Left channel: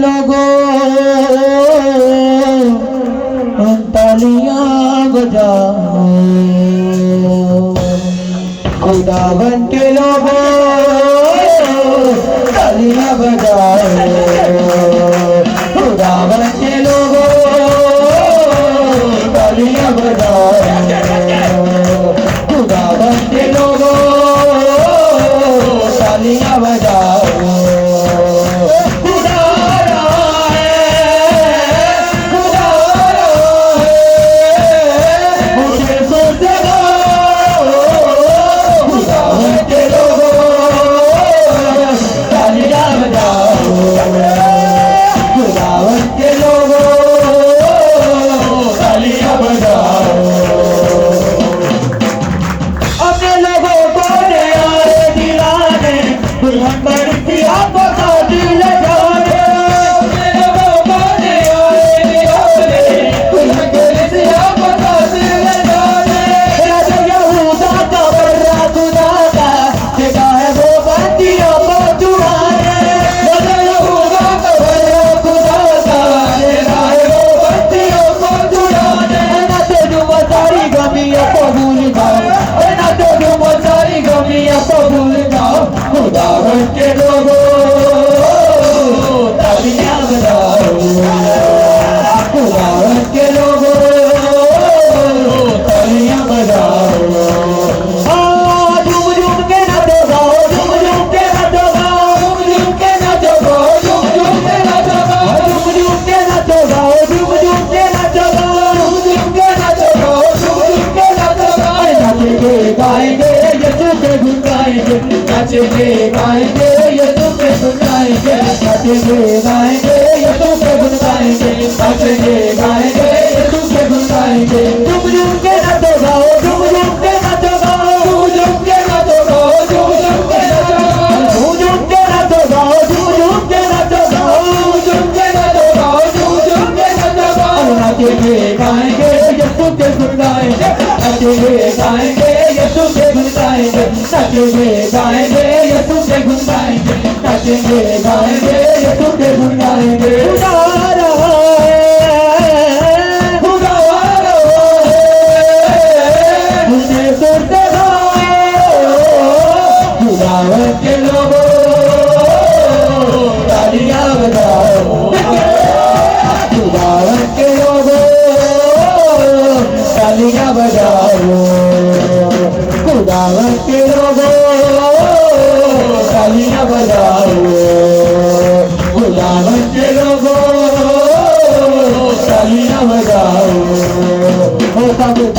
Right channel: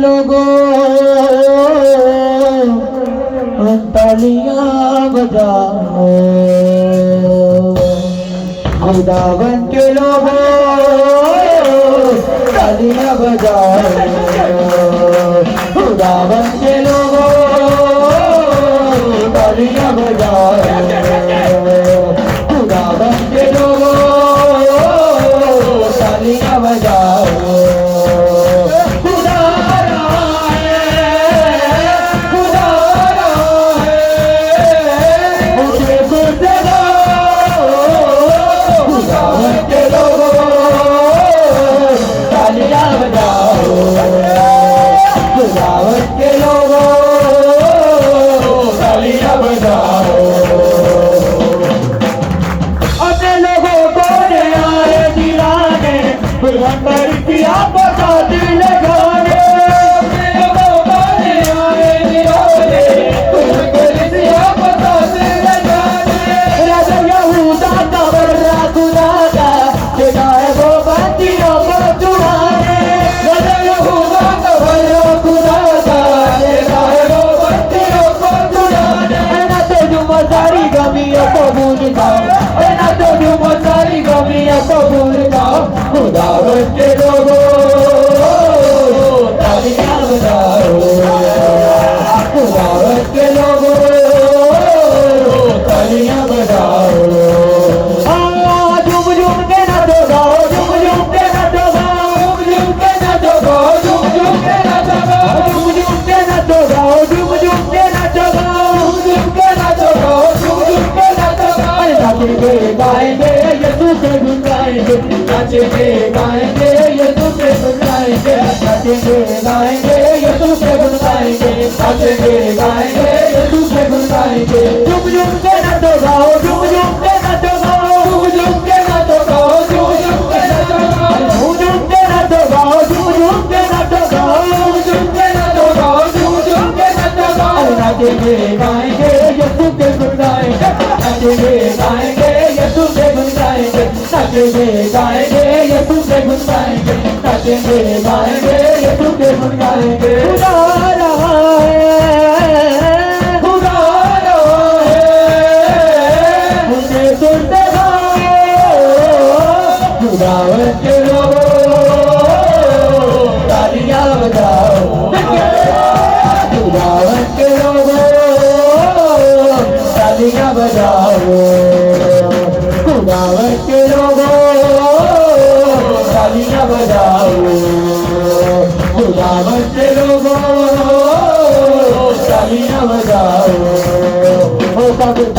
लोगों तालियां बजाओ, वृंदावन के लोगों तालियां बजाओ, वृंदावन के लोगों तालियां बजाओ, वृंदावन के लोगों तालियां बजाओ।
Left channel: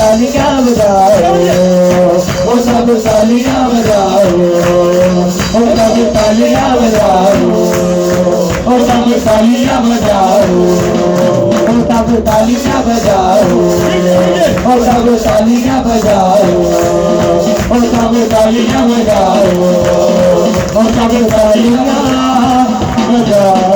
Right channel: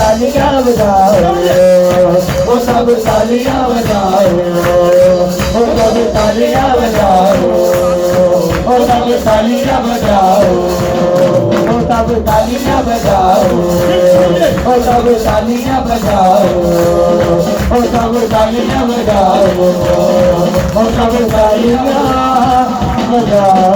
तालियां बजाओ, ओ सब तालियां बजाओ, ओ सब तालियां बजाओ, ओ सब तालियां बजाओ, ओ सब तालियां बजाओ, ओ सब तालियां बजाओ, ओ सब तालियां बजाओ।